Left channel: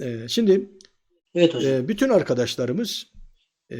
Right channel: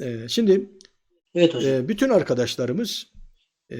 e, şimdi Evet hocam. e, bütün arkadaşlarımız e,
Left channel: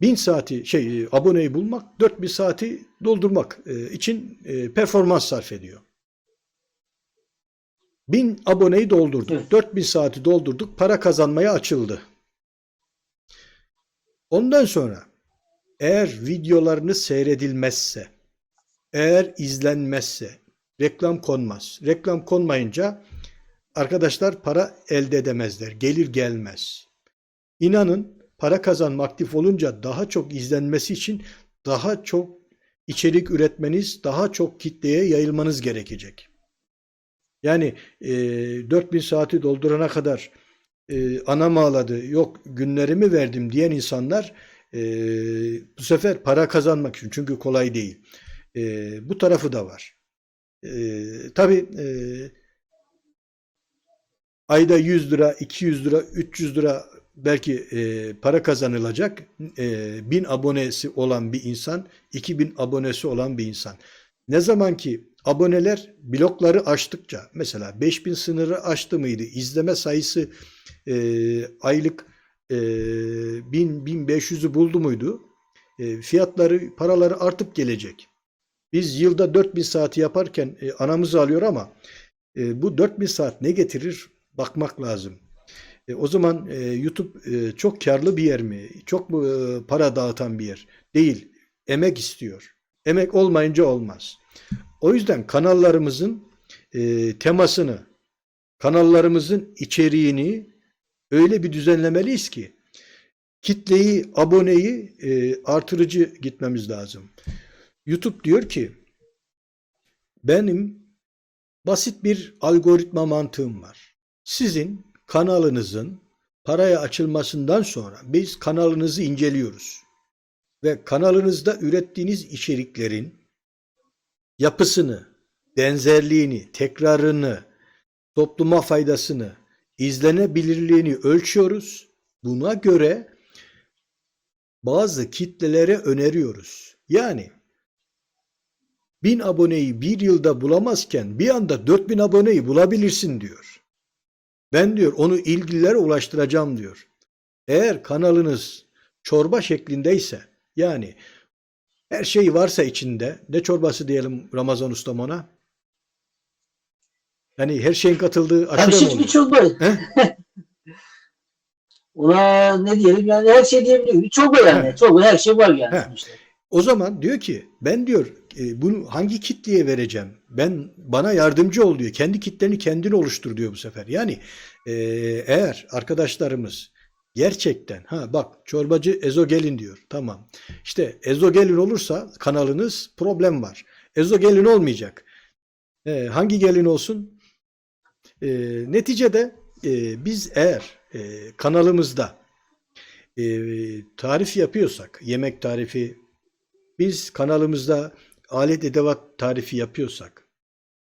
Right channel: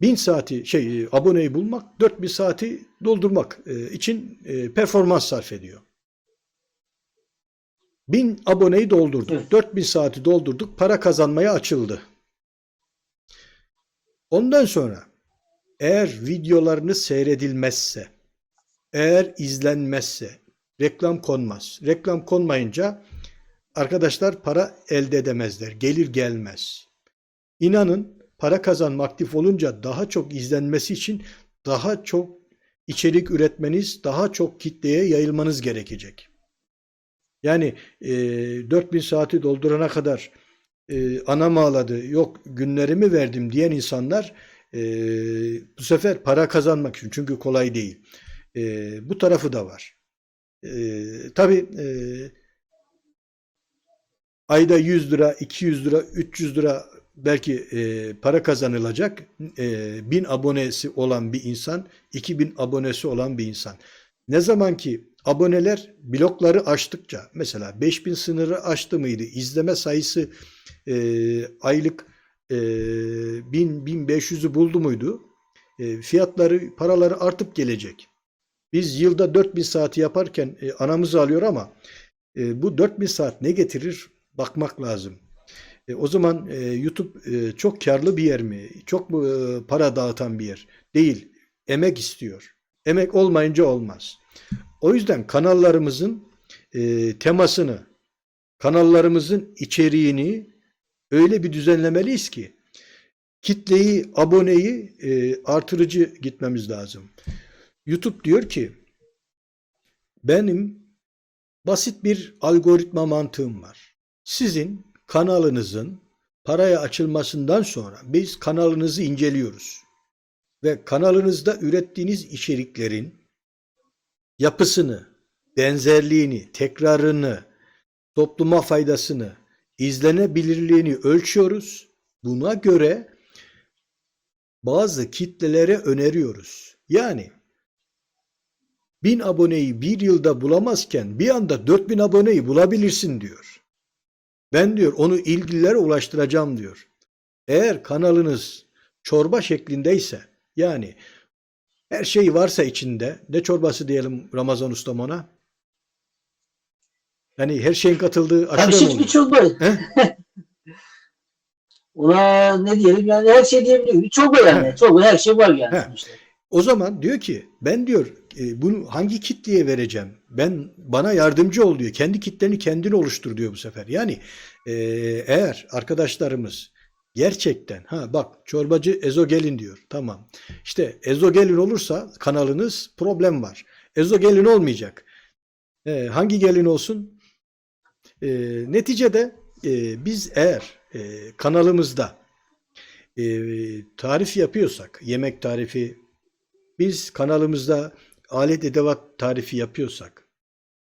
1000 saati şey aboneyi bulmak, 4000 saati doldurmak e, için e, performans sarf ediyor. 1000 aboneyi doldurduk. Evet. 4000 saati doldurduk. Para kazanmaya açıldı. Ondan sonra eğer videolarınız seyredilmezse, eğer izlenmezse, reklam konmaz. Reklam konmayınca arkadaşlar para elde edemezler. Gelir gelmez. İnanın para kazanma aktif olunca daha çok izlenmesi için daha çok içerik üretmeniz, daha çok kitleye yayılmanız gerekecek. Yani e, 4000 saati doldurana kadar e, anam ağladı, yok günlerimi verdim diyen insanlar e, bu sefer para kazanmak için çünkü kolay değil. E, bu tarafı da var. E, tabii e, ayda 100 lira, 200 lira, 300 lira belki e, para kazanılacak. E, 1000 abonesi olan bir insan, 2000 abonesi olan bir insan. Ne zaman ki aboneler blokları aştıkça, mesela 5000 sınırı aştı mıydı? İzleme sayısı e, aylık e, 1000-1500'ü buldu muydu? E, fiyatları, paraları artıp gelecek. Biz yılda 4000 saati yaparken e, anamız alıyor ama e, bu 4000 saat ne getirir? Bakmak lazım. E, o zaman e, YouTube e, çok karlı bir yer mi? Çok mu e, para dağıtan bir yer? Değil. Emek istiyor. Emek olmayınca olmaz. O yüzden kanallarımızın e, temasını, kanallarımızın içeriğini öyle bir düzenlemeliyiz ki kitleyi, aboneyi e, artırıcı gitmemiz lazım. YouTube diyor ki benim basit bir algoritma mantığım var. Sizin kanalınızın paraya açılmasından sonra biz kanalınızı inceliyoruz. Ve kanalınızda ürettiğiniz içeriklerin yapısını, benzerliğini, tekrarını, topluma faydasını, izlenebilirliğini ölçüyoruz. Buna göre bazı kitlelere öneriyoruz. Yani 1000 aboneyi bir yılda bulamazken bir anda 4000 aboneyi bulabilirsin diyor. Ben diyor onu ilgililere ulaştıracağım diyor. Eğer kanalınız çorba şeklindeyse yani her şey varsa içinde ne çorbası diyelim Ramazan ustam ona? Yani her şeyin katıldığı mi bir çorba. Ona ne diyelim yani her şey diyebilirim. Bir çorba yani. He. Çorba her şey var yani He. O zaman diyor ki ben diyor e, bunu hangi kitleye vereceğim? Ben bana yardımcı ol diyor. Kendi kitleni kendin oluştur diyor bu sefer. Yani e, eğer arkadaşlarımız gerçekten ha bak çorbacı ezogelin diyor. Tamam. İşte ezogelin olursa kanalınız problem var. Ezogelin olmayacak. E, hangi gelin olsun? E, neticede e, biz eğer e, kanalımızda e, tarif yapıyorsak, yemek tarifi, biz kanalımızda alet edevat tarifi yapıyorsak,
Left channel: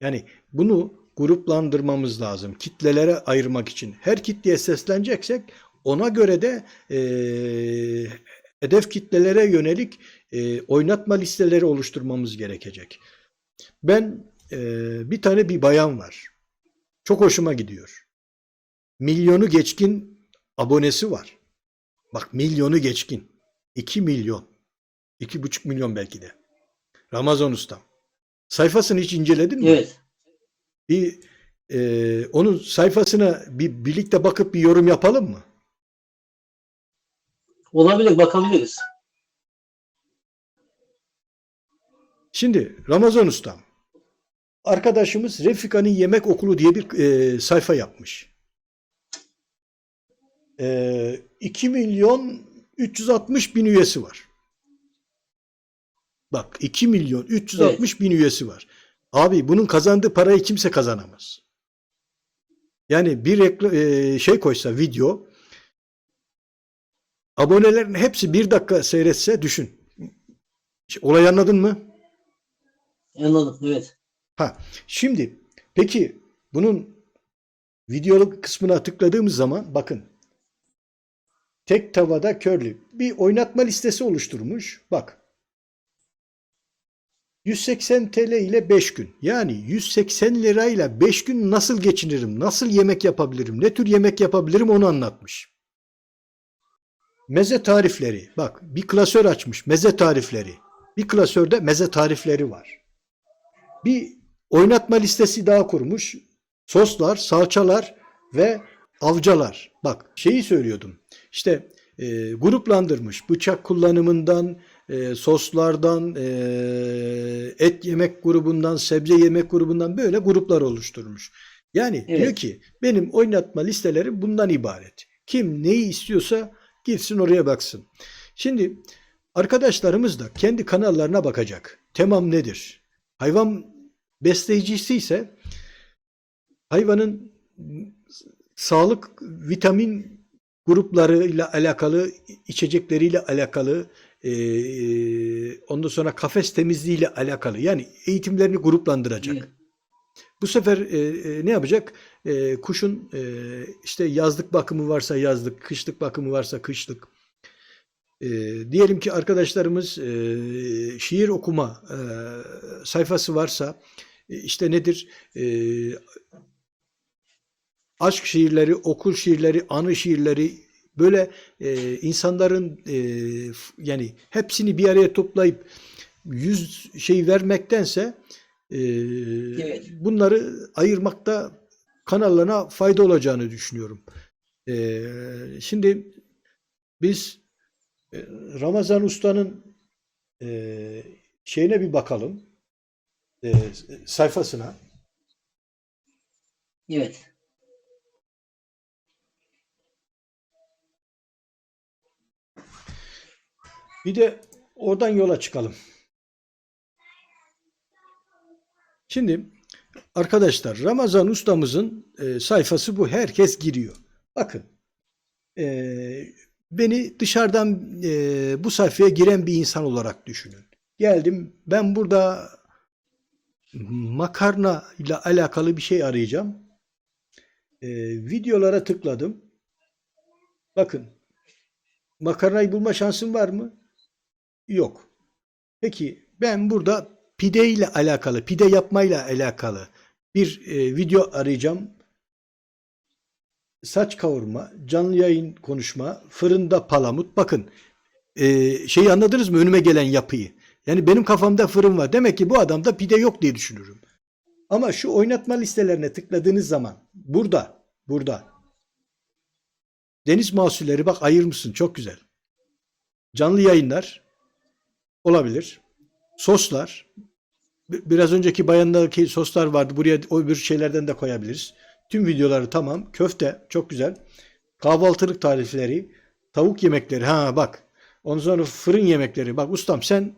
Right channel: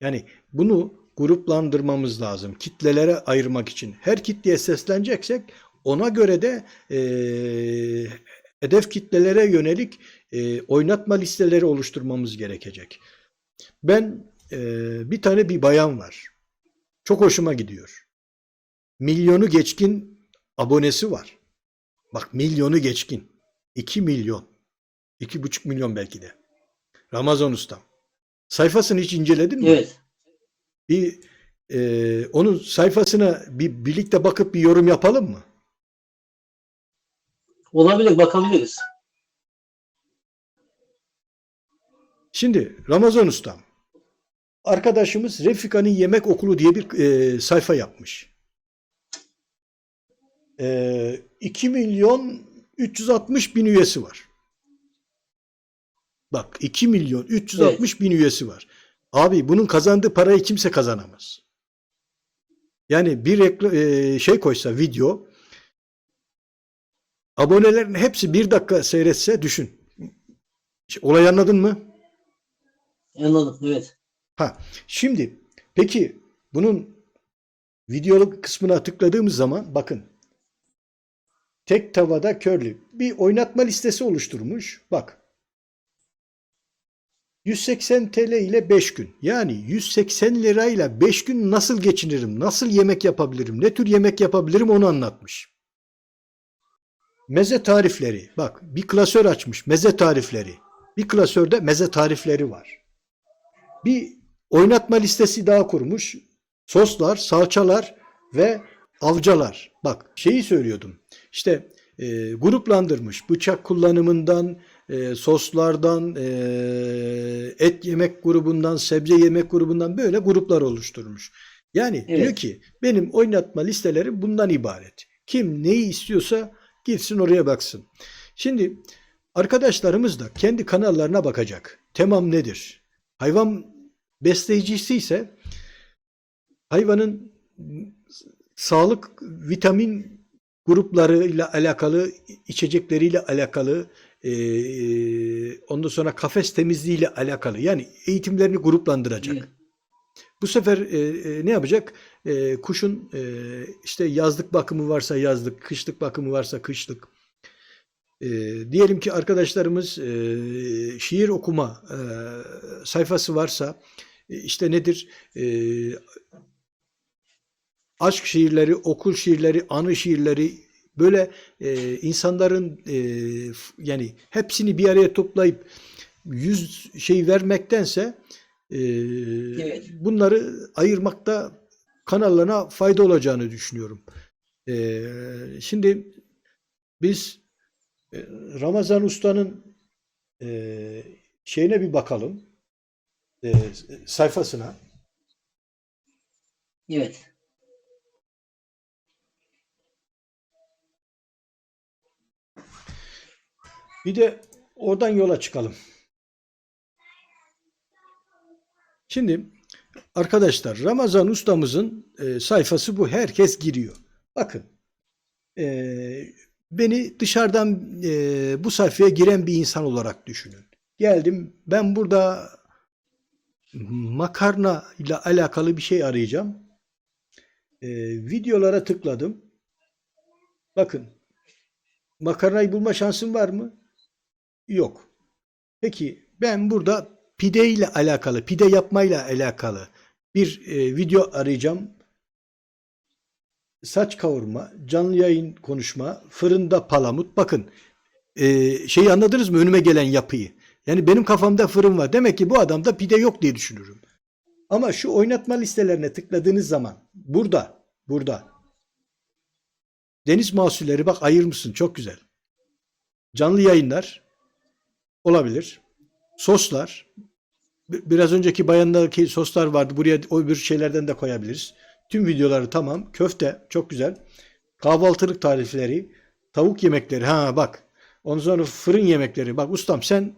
yani bunu gruplandırmamız lazım. Kitlelere ayırmak için. Her kitleye sesleneceksek ona göre de e, hedef kitlelere yönelik e, oynatma listeleri oluşturmamız gerekecek. Ben e, bir tane bir bayan var. Çok hoşuma gidiyor. Milyonu geçkin abonesi var. Bak milyonu geçkin. 2 milyon. 2,5 milyon belki de. Ramazan Ustam. Sayfasını hiç inceledin mi? Evet. Bir e, onun sayfasına bir birlikte bakıp bir yorum yapalım mı? Olabilir bakabiliriz. Şimdi Ramazan Ustam. Arkadaşımız Refika'nın Yemek Okulu diye bir e, sayfa yapmış. E, 2 milyon 360 bin üyesi var. Bak 2 milyon 360 bin üyesi var. Abi bunun kazandığı parayı kimse kazanamaz. Yani bir rekla- e, şey koysa video abonelerin hepsi bir dakika seyretse düşün. Olayı anladın mı? Anladım. Evet. Ha, şimdi peki bunun videoluk kısmına tıkladığımız zaman bakın tek tavada körlü bir oynatma listesi oluşturmuş. Bak 180 TL ile 5 gün. Yani 180 lirayla 5 gün nasıl geçinirim? Nasıl yemek yapabilirim? Ne tür yemek yapabilirim onu anlatmış. Meze tarifleri. Bak bir klasör açmış. Meze tarifleri. Bir klasörde meze tarifleri var. Bir oynatma listesi daha kurmuş. Soslar, salçalar ve avcalar. Bak şeyi söylüyordum. İşte e, gruplandırmış. Bıçak kullanımından, e, soslardan, e, et yemek grubundan, sebze yemek grubundan böyle gruplar oluşturmuş. Yani Evet. diyor ki benim oynatma listeleri bundan ibaret. Kim neyi istiyorsa gitsin oraya baksın. Şimdi arkadaşlarımız da kendi kanallarına bakacak. Temam nedir? Hayvan besleyicisi ise hayvanın sağlık vitamin gruplarıyla alakalı, içecekleriyle alakalı, eee, ondan sonra kafes temizliğiyle alakalı yani eğitimlerini gruplandıracak. Evet. Bu sefer e, e, ne yapacak? E, kuşun e, işte yazlık bakımı varsa yazlık, kışlık bakımı varsa kışlık. E, diyelim ki arkadaşlarımız e, şiir okuma e, sayfası varsa e, işte nedir? E, aşk şiirleri, okul şiirleri, anı şiirleri böyle e, insanların e, yani hepsini bir araya toplayıp yüz şey vermektense e, Evet. bunları ayırmakta kanallarına fayda olacağını düşünüyorum. E, şimdi biz e, Ramazan Usta'nın e, şeyine bir bakalım. E, sayfasına. Evet. Bir de oradan yola çıkalım. Şimdi arkadaşlar Ramazan ustamızın e, sayfası bu. Herkes giriyor. Bakın e, beni dışarıdan e, bu sayfaya giren bir insan olarak düşünün. Geldim ben burada makarna ile alakalı bir şey arayacağım. E, videolara tıkladım. Bakın makarnayı bulma şansım var mı? Yok. Peki ben burada pide ile alakalı, pide yapmayla alakalı bir e, video arayacağım. Saç kavurma, canlı yayın konuşma, fırında palamut. Bakın e, şeyi anladınız mı önüme gelen yapıyı? Yani benim kafamda fırın var. Demek ki bu adamda pide yok diye düşünürüm. Ama şu oynatma listelerine tıkladığınız zaman burada, burada deniz mahsulleri bak ayırmışsın çok güzel. Canlı yayınlar olabilir. Soslar. bi- Biraz önceki bayandaki soslar vardı. Buraya o öbür şeylerden de koyabiliriz. Tüm videoları tamam. Köfte çok güzel. Kahvaltılık tarifleri. Tavuk yemekleri. Ha bak. Ondan sonra fırın yemekleri. Bak ustam sen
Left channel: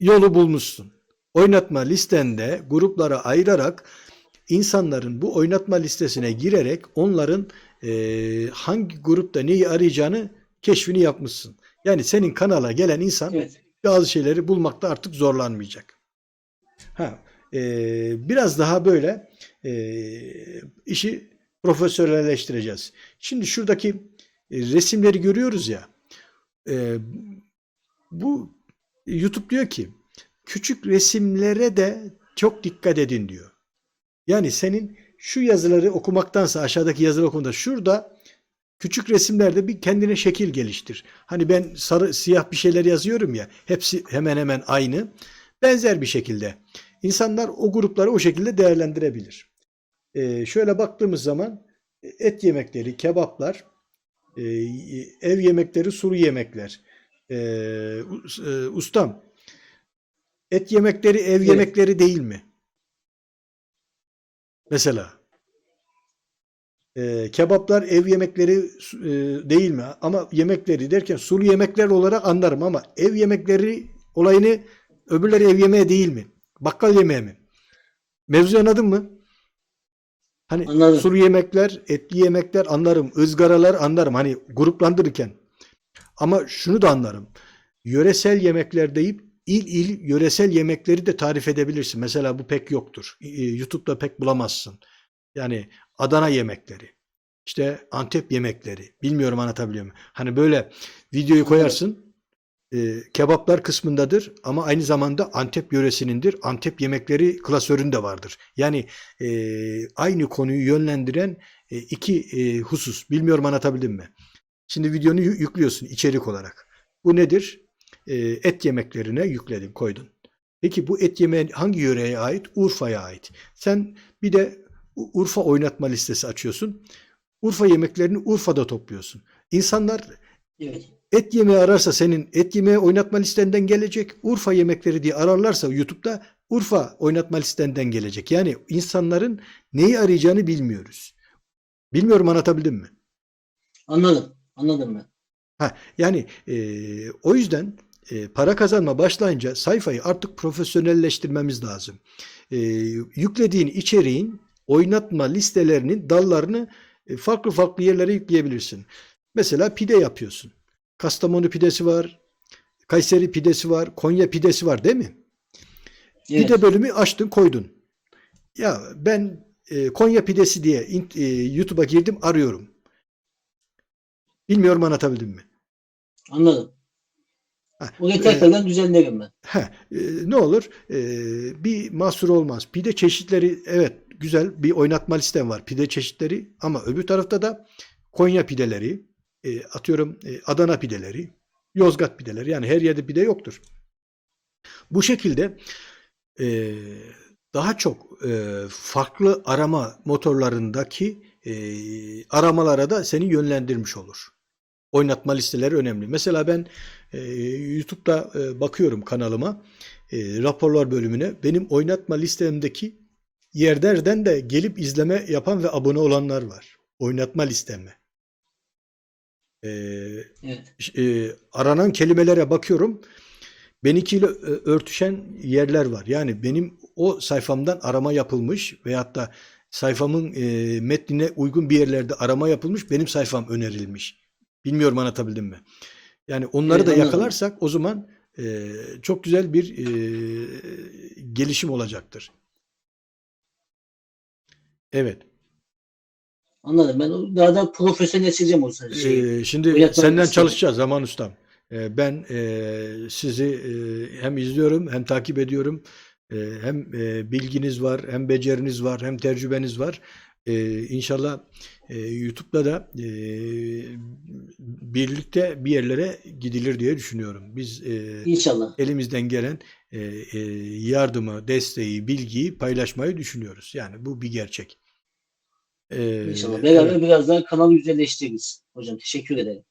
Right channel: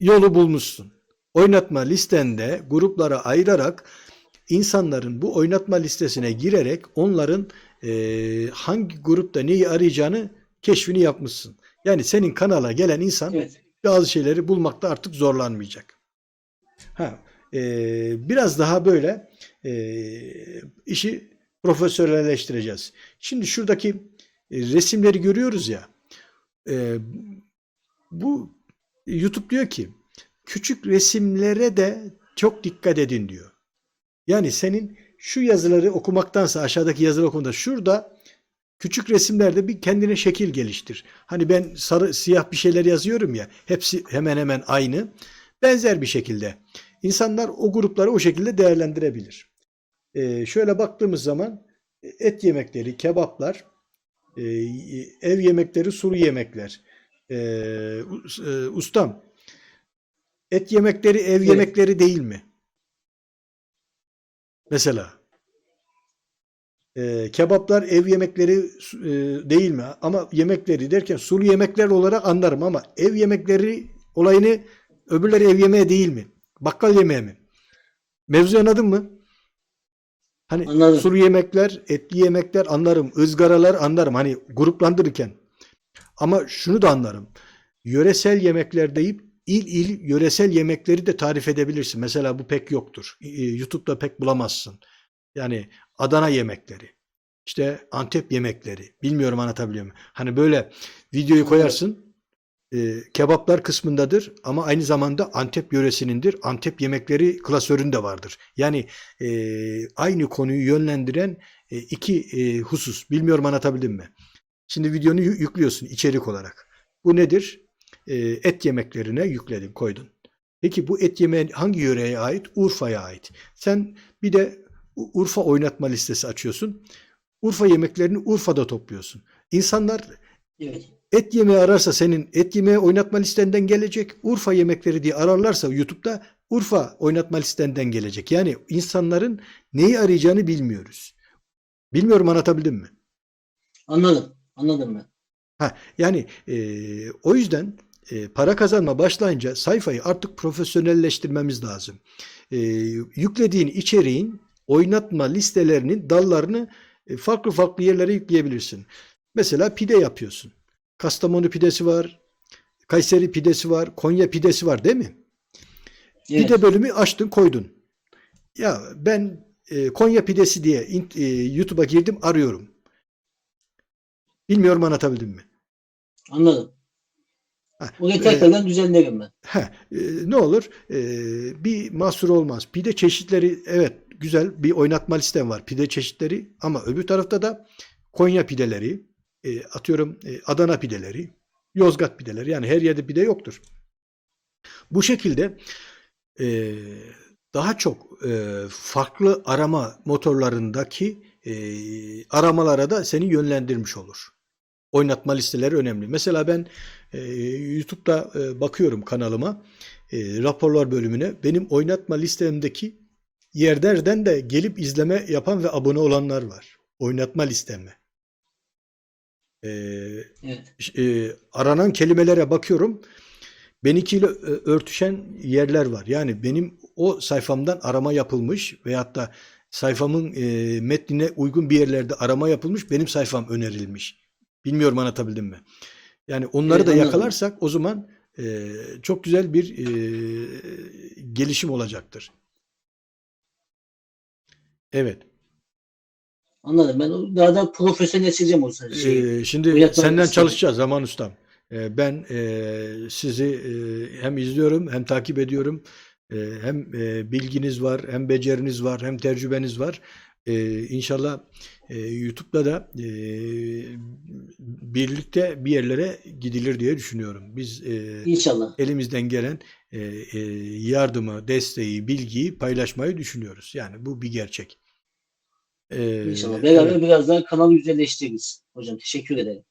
yolu bulmuşsun. Oynatma listende gruplara ayırarak insanların bu oynatma listesine girerek onların eee, hangi grupta neyi arayacağını keşfini yapmışsın. Yani senin kanala gelen insan Evet. bazı şeyleri bulmakta artık zorlanmayacak. Ha, eee, biraz daha böyle eee, işi profesyonelleştireceğiz. Şimdi şuradaki e, resimleri görüyoruz ya. eee, bu YouTube diyor ki küçük resimlere de çok dikkat edin diyor. Yani senin şu yazıları okumaktansa aşağıdaki yazıları okumada şurada küçük resimlerde bir kendine şekil geliştir. Hani ben sarı siyah bir şeyler yazıyorum ya hepsi hemen hemen aynı. Benzer bir şekilde. İnsanlar o grupları o şekilde değerlendirebilir. Ee, şöyle baktığımız zaman et yemekleri, kebaplar, e, ev yemekleri, sulu yemekler. Us- e, ustam, et yemekleri ev Evet. yemekleri değil mi? Mesela. Ee, kebaplar ev yemekleri e, değil mi? Ama yemekleri derken sulu yemekler olarak anlarım ama ev yemekleri olayını öbürleri ev yemeği değil mi? Bakkal yemeği mi? Mevzu anladın mı? Hani Anladım. sulu yemekler, etli yemekler anlarım. ızgaralar anlarım. Hani gruplandırırken. Ama şunu da anlarım. Yöresel yemekler deyip il il yöresel yemekleri de tarif edebilirsin. Mesela bu pek yoktur. E, YouTube'da pek bulamazsın. Yani Adana yemekleri. işte Antep yemekleri. Bilmiyorum anlatabiliyor muyum? Hani böyle videoyu koyarsın. e, kebaplar kısmındadır ama aynı zamanda Antep yöresinindir. Antep yemekleri klasöründe vardır. Yani e, aynı konuyu yönlendiren e, iki e, husus. Bilmiyorum anlatabildim mi? Şimdi videonu yü- yüklüyorsun içerik olarak. Bu nedir? E, et yemeklerine yükledin, koydun. Peki bu et yemeği hangi yöreye ait? Urfa'ya ait. Sen bir de Urfa oynatma listesi açıyorsun. Urfa yemeklerini Urfa'da topluyorsun. İnsanlar Evet. et yemeği ararsa senin et yemeği oynatma listenden gelecek. Urfa yemekleri diye ararlarsa YouTube'da Urfa oynatma listenden gelecek. Yani insanların neyi arayacağını bilmiyoruz. Bilmiyorum anlatabildim mi? Anladım. Anladım ben. Ha, yani eee, o yüzden eee, para kazanma başlayınca sayfayı artık profesyonelleştirmemiz lazım. Eee, yüklediğin içeriğin oynatma listelerinin dallarını e, farklı farklı yerlere yükleyebilirsin. Mesela pide yapıyorsun. Kastamonu pidesi var, Kayseri pidesi var, Konya pidesi var değil mi? Evet. Pide bölümü açtın koydun. Ya ben e, Konya pidesi diye e, YouTube'a girdim arıyorum. Bilmiyorum anlatabildim mi? Anladım. Ha, Orayı e, tekrardan düzenlerim ben. Heh, e, ne olur? E, bir mahsur olmaz. Pide çeşitleri evet güzel bir oynatma listem var. Pide çeşitleri ama öbür tarafta da Konya pideleri, e, atıyorum e, Adana pideleri, Yozgat pideleri. Yani her yerde pide yoktur. Bu şekilde e, daha çok e, farklı arama motorlarındaki e, aramalara da seni yönlendirmiş olur. Oynatma listeleri önemli. Mesela ben e, YouTube'da e, bakıyorum kanalıma e, raporlar bölümüne. Benim oynatma listemdeki yerlerden de gelip izleme yapan ve abone olanlar var. Oynatma listeme. E, Evet. e, aranan kelimelere bakıyorum. Benimkiyle e, örtüşen yerler var. Yani benim o sayfamdan arama yapılmış veyahut da sayfamın e, metnine uygun bir yerlerde arama yapılmış, benim sayfam önerilmiş. Bilmiyorum anlatabildim mi? Yani onları Evet, da anladım. yakalarsak o zaman e, çok güzel bir e, gelişim olacaktır. Evet. Anladım. Ben daha da profesyonelleştireceğim o şeyi. Ee, şimdi senden listesi. çalışacağız Zaman Ustam. Ee, ben e, sizi e, hem izliyorum hem takip ediyorum. E, hem e, bilginiz var, hem beceriniz var, hem tecrübeniz var. E, İnşallah e, YouTube'da da e, birlikte bir yerlere gidilir diye düşünüyorum. Biz e, İnşallah. elimizden gelen e, e, yardımı, desteği, bilgiyi paylaşmayı düşünüyoruz. Yani bu bir gerçek. E, İnşallah. Beraber biraz daha kanalı güzelleştiririz. Hocam teşekkür ederim.